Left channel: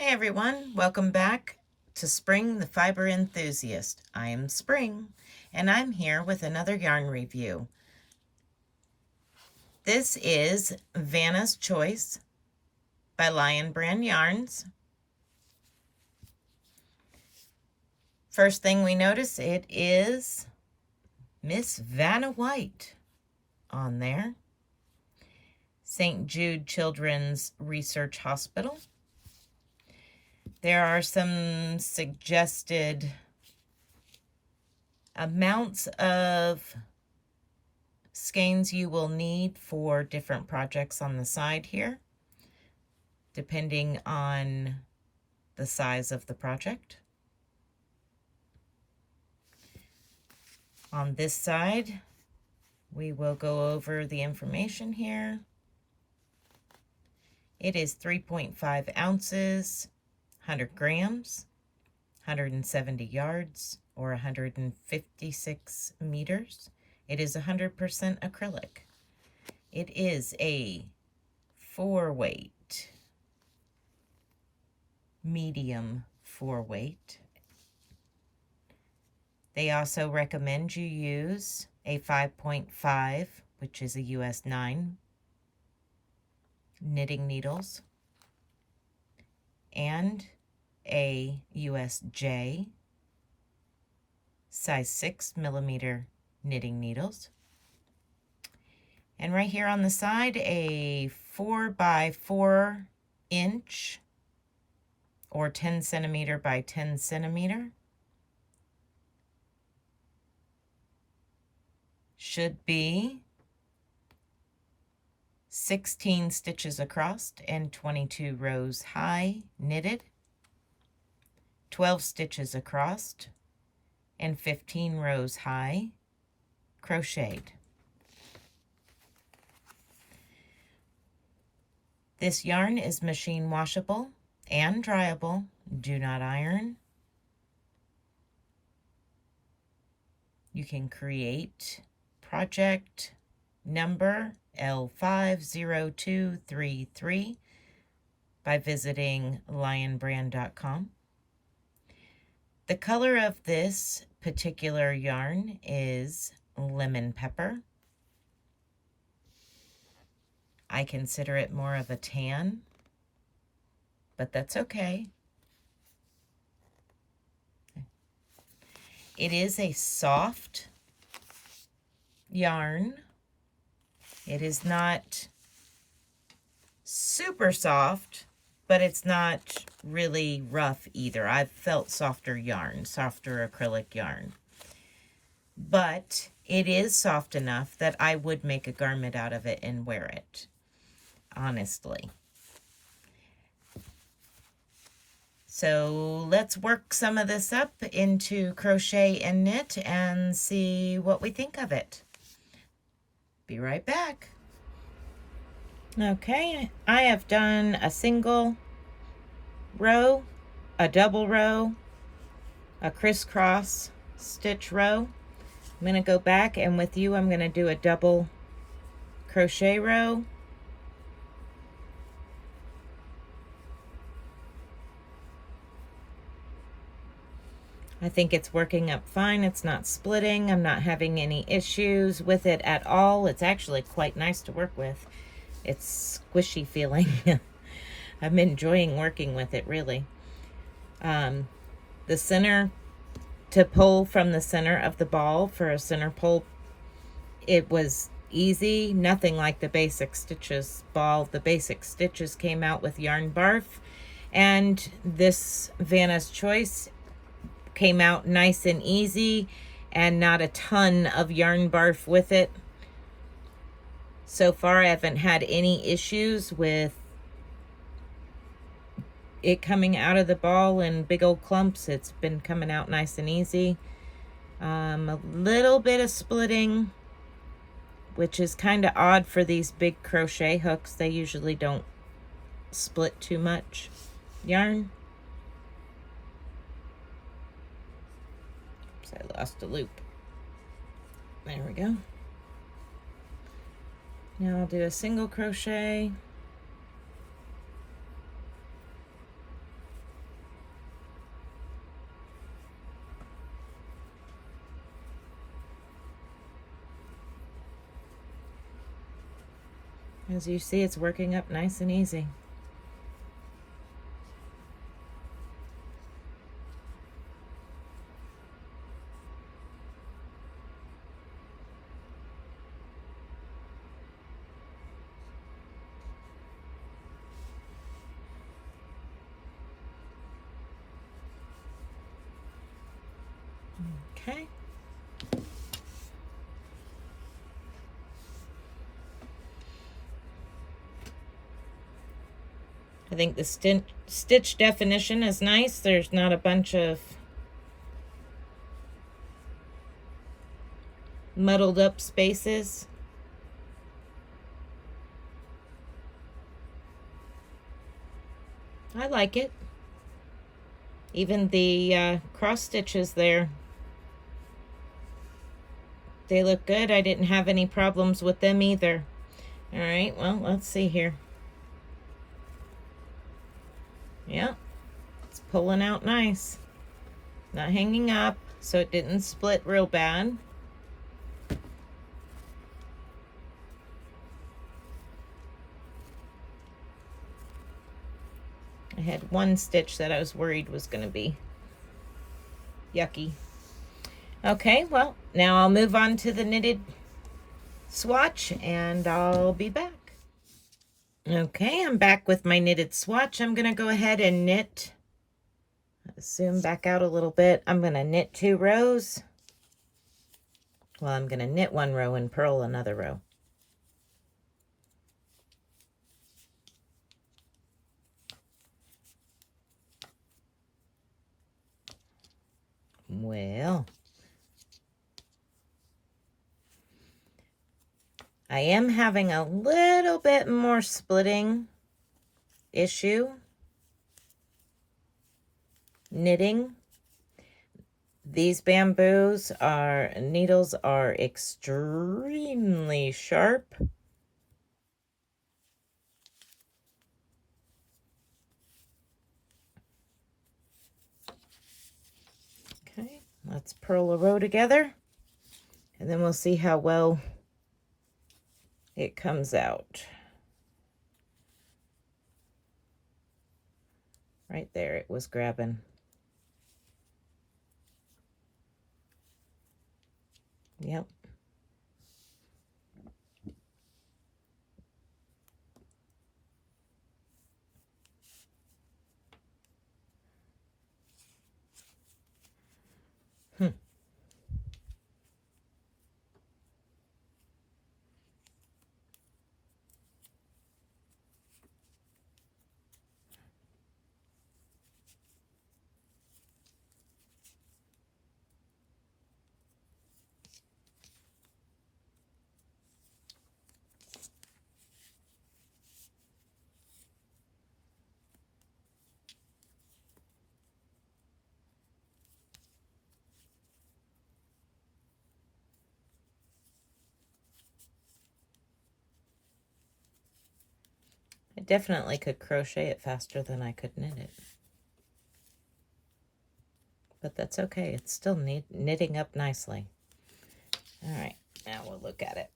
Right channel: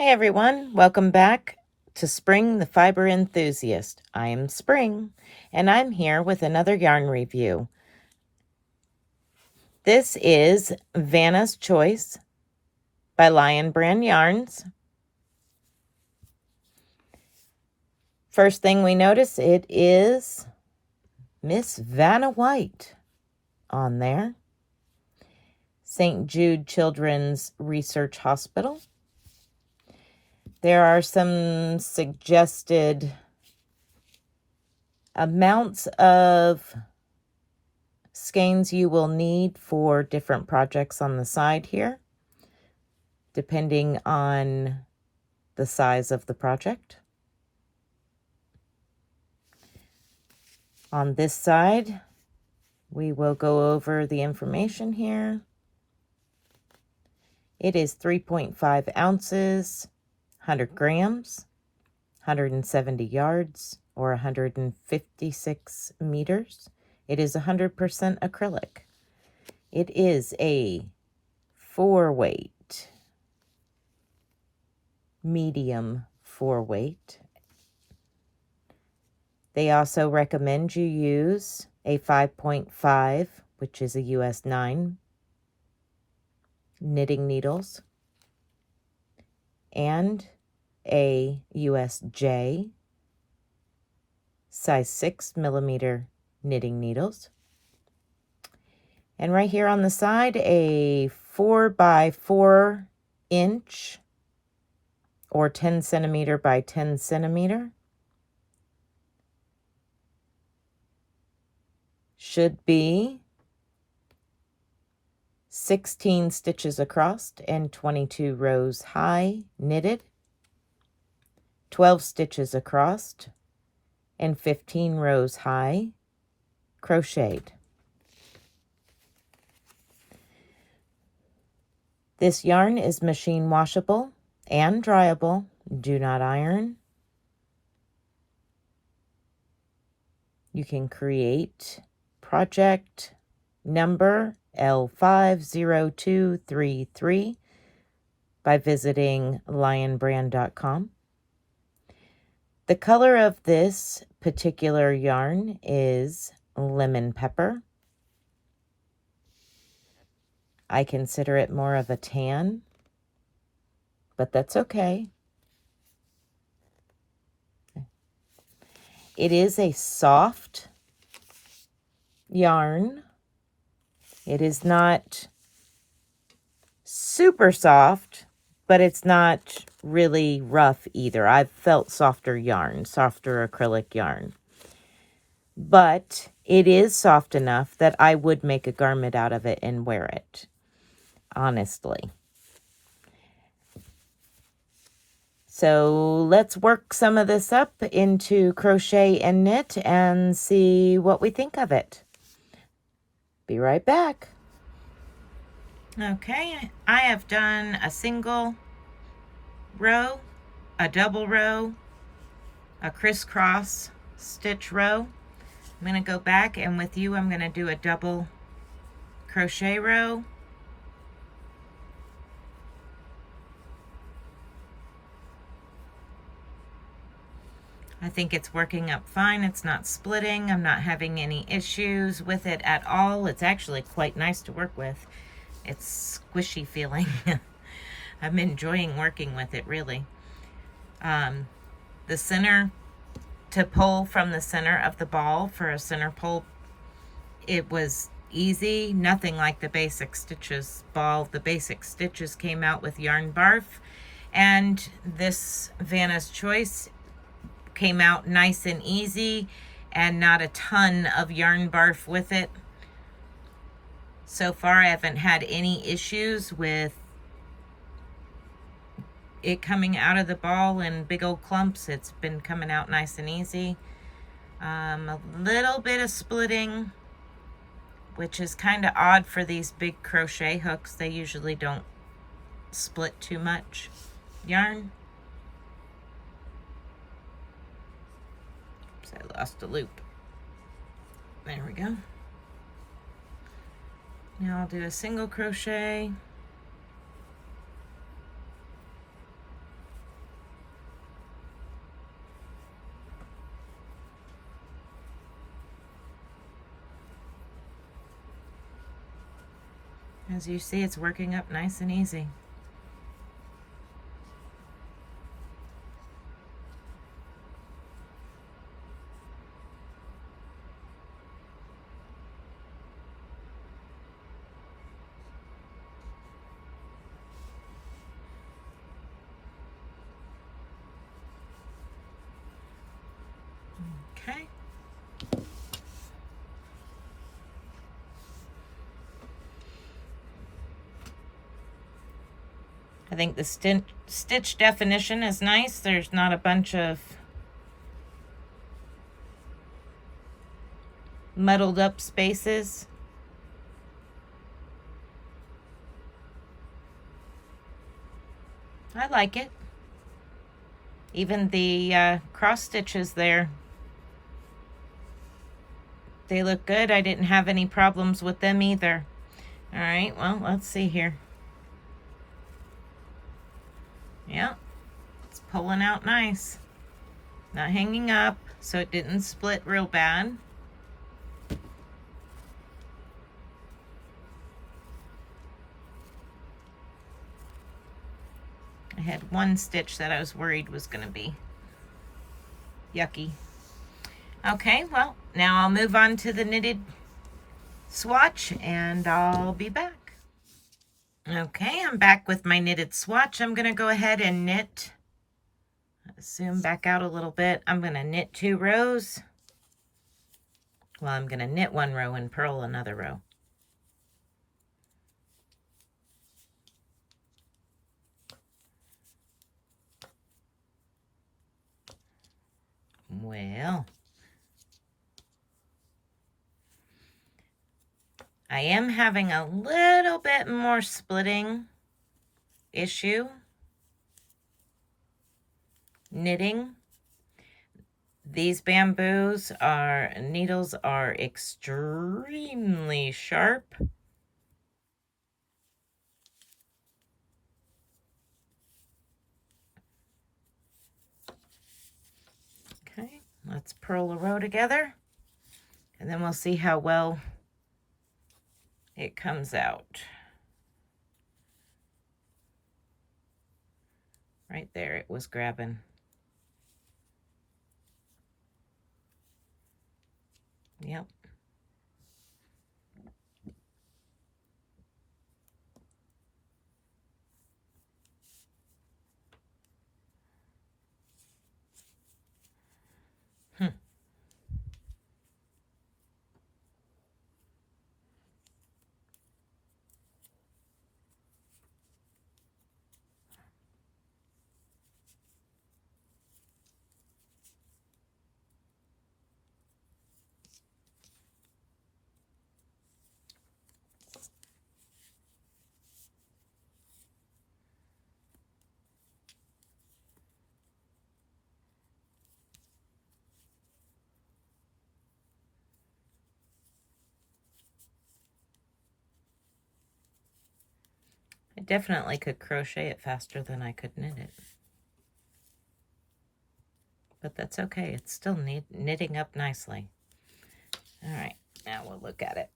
Hey everyone, welcome back to Spring the Fiber Enthusiast. I am Spring, and I'm here with another yarn review. This is Vanna's Choice by Lion Brand Yarns. First thing we notice, it is Miss Vanna White on there. St. Jude Children's Research Hospital. There are some suggested amounts of skeins you will need for different projects on the side here, depending on the size of the project. On this side, we will go over the information here. It is 3.5 ounces, 100 grams, 170 yards, or 156 meters. It is 100% acrylic. It is a 4-weight, medium 4-weight. They also recommend you use a 5.5, which is a US 9, knitting needles, and a US J, size 6 millimeter knitting needles. And right here on the side, a 4 by 4 inch or 10 centimeter by 10 centimeter. Should be 16 stitches across and 22 rows high knitted, 12 stitches across and 15 rows high crocheted. This yarn is machine washable and dryable. Do not iron. You can create project number L50233 by visiting lionbrand.com. The color of this particular yarn is lemon pepper. I consider it more of a tan, but that's okay. It is a soft yarn. It is not super soft, but it's not really rough either. I've felt softer yarn, softer acrylic yarn. But it is soft enough that I would make a garment out of it and wear it, honestly. So let's work some of this up into crochet and knit and see what we think of it. Be right back. Okay, I have done a single row, a double row, a crisscross stitch row. I'm going to go back, and with you I'm going to do a double crochet row. I think it's working up fine. It's not splitting. I'm not having any issues with it at all. It's actually quite nice to work with. It's squishy feeling. I'm enjoying working with it, really. The center, to pull from the center of the ball for a center pull, it was easy. Nothing like the basic stitches ball. The basic stitches came out with yarn barf, and this Vanna's Choice came out nice and easy and not a ton of yarn barf with it. So far I haven't had any issues with it coming out of the ball in big old clumps. It's been coming out nice and easy. A little bit of splitting, which is kind of odd for these big crochet hooks. They usually don't split too much yarn. I lost a loop. There we go. Now I'll do a single crochet, As you see, it's working up nice and easy. Okay. I think the stitch definition is nice. There's not a bunch of muddled up spaces. I like it. Even the cross stitches there, they look good. I didn't have any problems with them either. All right, well, let's see here. Yeah, it's pulling out nice. Not hanging up, so it didn't split real bad. I had one stitch that I was worried was going to be yucky. Okay, well, now I'll move on to the knitted swatch and I'll be back. Okay, I'm back with my knitted swatch. I'm going to go ahead and knit. Zoom back out a little bit. I'm going to knit 2 rows. Well, I'm going to knit 1 row and purl another row. Well, I am having a little bit more splitting issue knitting. These needles are extremely sharp. Okay, let's purl a row together and then we'll see how well it comes out. Right there, it was grabbing. Yep. I definitely could crochet it faster than I could knit it. But that's okay. It's still knitting up nicely. All right, now we'll look at it.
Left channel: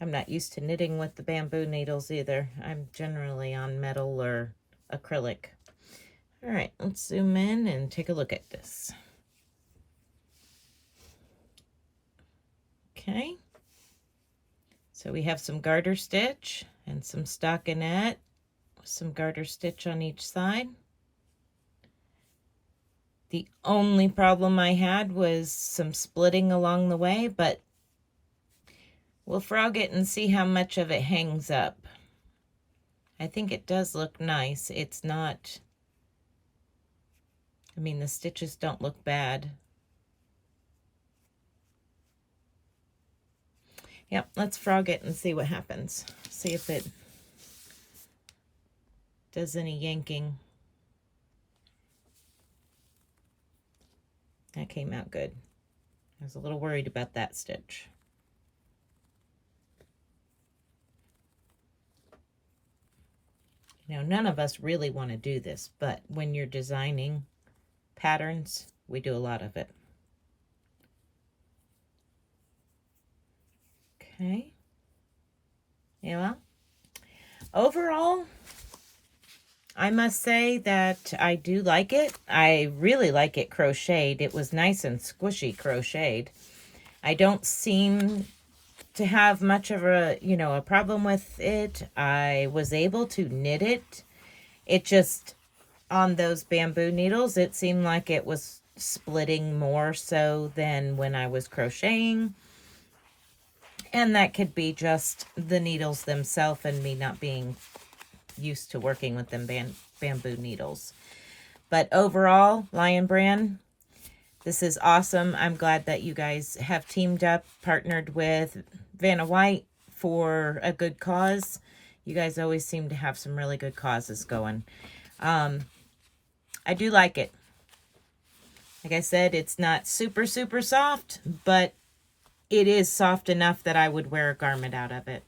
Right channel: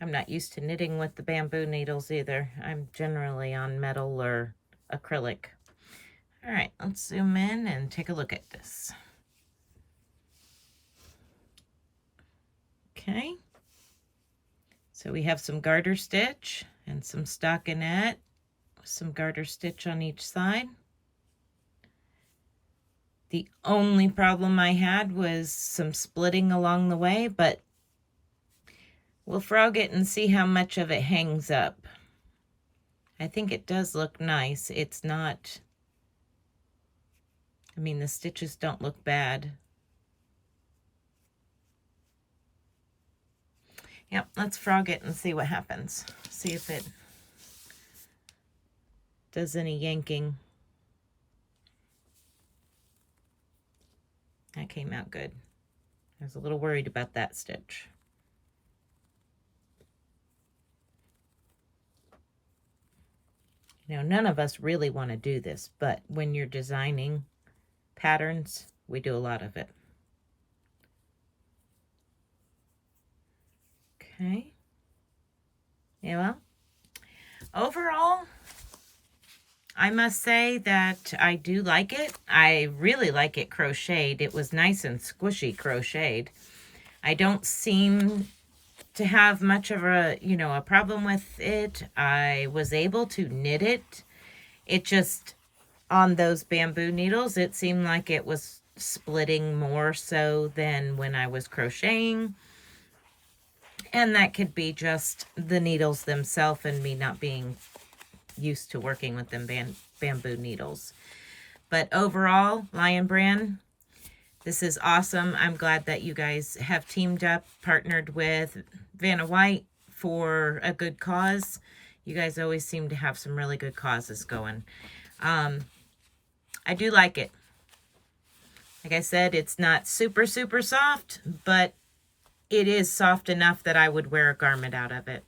I'm not used to knitting with the bamboo needles either. I'm generally on metal or acrylic. All right, let's zoom in and take a look at this. Okay. So we have some garter stitch and some stockinette, some garter stitch on each side. The only problem I had was some splitting along the way, but we'll frog it and see how much of it hangs up. I think it does look nice. It's not, I mean, the stitches don't look bad. Yep, let's frog it and see what happens. See if it does any yanking. That came out good. I was a little worried about that stitch. You know, none of us really want to do this, but when you're designing patterns, we do a lot of it. Okay. Yeah, well, overall, I must say that I do like it. I really like it crocheted. It was nice and squishy crocheted. I don't seem to have much of a, a problem with it. I was able to knit it. It just, on those bamboo needles, it seemed like it was splitting more so than when I was crocheting. And that could be just the needles themselves and me not being used to working with them bamboo needles. But overall, Lion Brand, this is awesome. I'm glad that you guys have teamed up, partnered with Vanna White for a good cause. You guys always seem to have some really good causes going. I do like it. Like I said, it's not super, super soft, but it is soft enough that I would wear a garment out of it.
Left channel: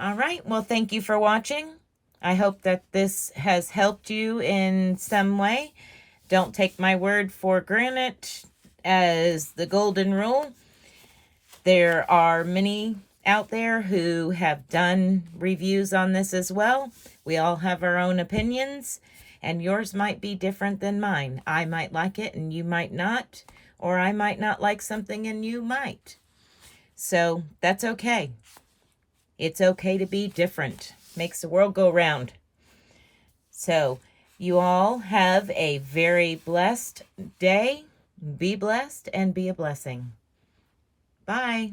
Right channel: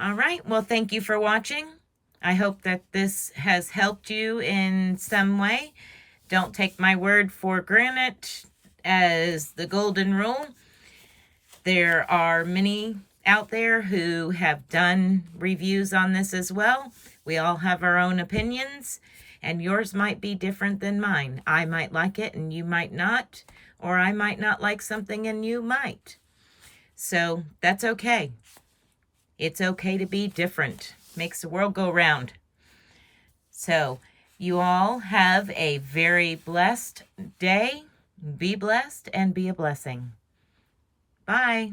All right. Well, thank you for watching. I hope that this has helped you in some way. Don't take my word for granted as the golden rule. There are many out there who have done reviews on this as well. We all have our own opinions, and yours might be different than mine. I might like it and you might not, or I might not like something and you might. So that's okay. It's okay to be different. Makes the world go round. So you all have a very blessed day. Be blessed and be a blessing. Bye.